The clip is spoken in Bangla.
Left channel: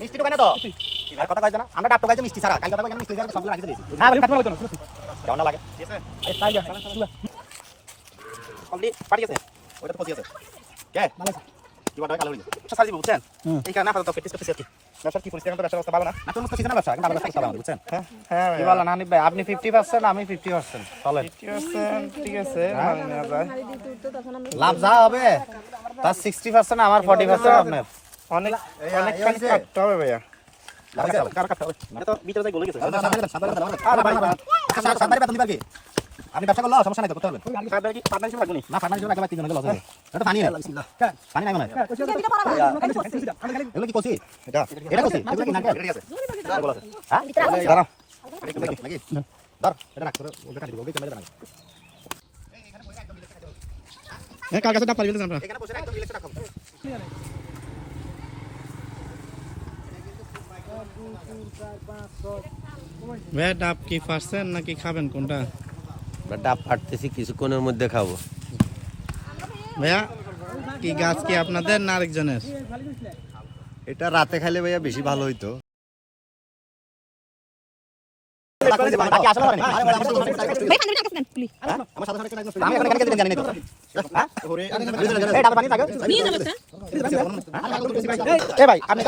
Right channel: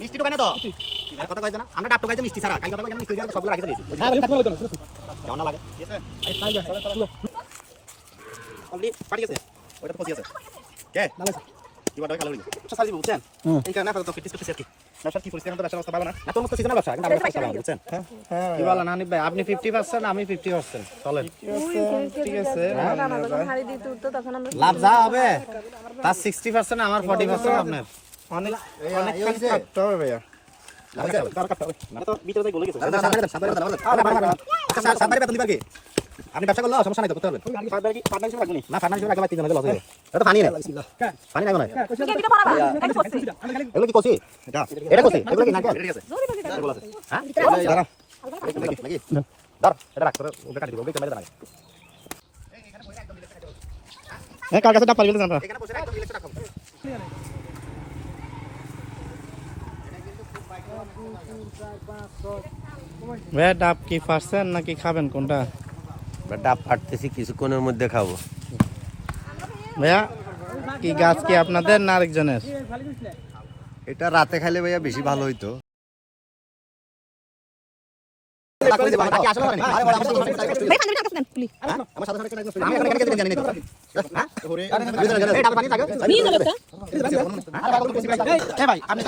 মিষ্টি দোকানে তো আর কথা কইছ না আমরা ডাব টোকাইছে মিষ্টি ছাড়া কাল কথা কইছ মিষ্টি ছাড়া সবগুলো রাখি দিয়েছি হ্যাঁ বলি খাতে বলতো কেমন লাগে কমপ্লিট পারি আছে ওটা তো পচি আছে কে ভালো আছে দিবাটা কালো হইলো আচ্ছা সাজি বুঝছেন এই কারণে আপনারা তো প্র্যাকটিস করতেছি আর কি ব্যবসা কি পরিষ্কার ব্যবসা ব্যবস্থা ভালো না না তোর তো সিজনাল ব্যবসা কিন্তু ভালো ব্যবসা ভালো বুঝছেন হ্যাঁ কি বলেন হানিফ ভাই আপনি 50% আমি 50% চলেন ঠিক আছে লাভ যা হবে তার 60% আমার 40% আপনার অনেক অনেক কাজ করতে হবে ভাইয়া আপনি ব্যবসা করলে সমস্যা নাই তো করতে পারবেন না ফার্মাসি রাখবে 3 জন লস হয়ে এটা পানি নেই পানি নাই মনে এগুলো কি কইছি এটা কইছি এগুলো কি নারকেল হ্যাঁ দাঁড়াও ধর এটা রাখ ওকে কাটি দিব ওকে ক্যামেরা দাঁড়া কার কাছে ডাব পারি বলতে জানবা এখানে বসে একদম রিল্যাক্স রাখো ভাইয়া ডাব কি পারছেন নাকি খাবেন কোনটা ডাব ফাটতেছি কিছুক্ষণের মধ্যে খাবো। ভাইয়া কি গাছ কি আপনাদের না আরেকজনের? এটা রাতে খাইলে ভাইয়া বেশি ভালো হইতো। ভাই আপনি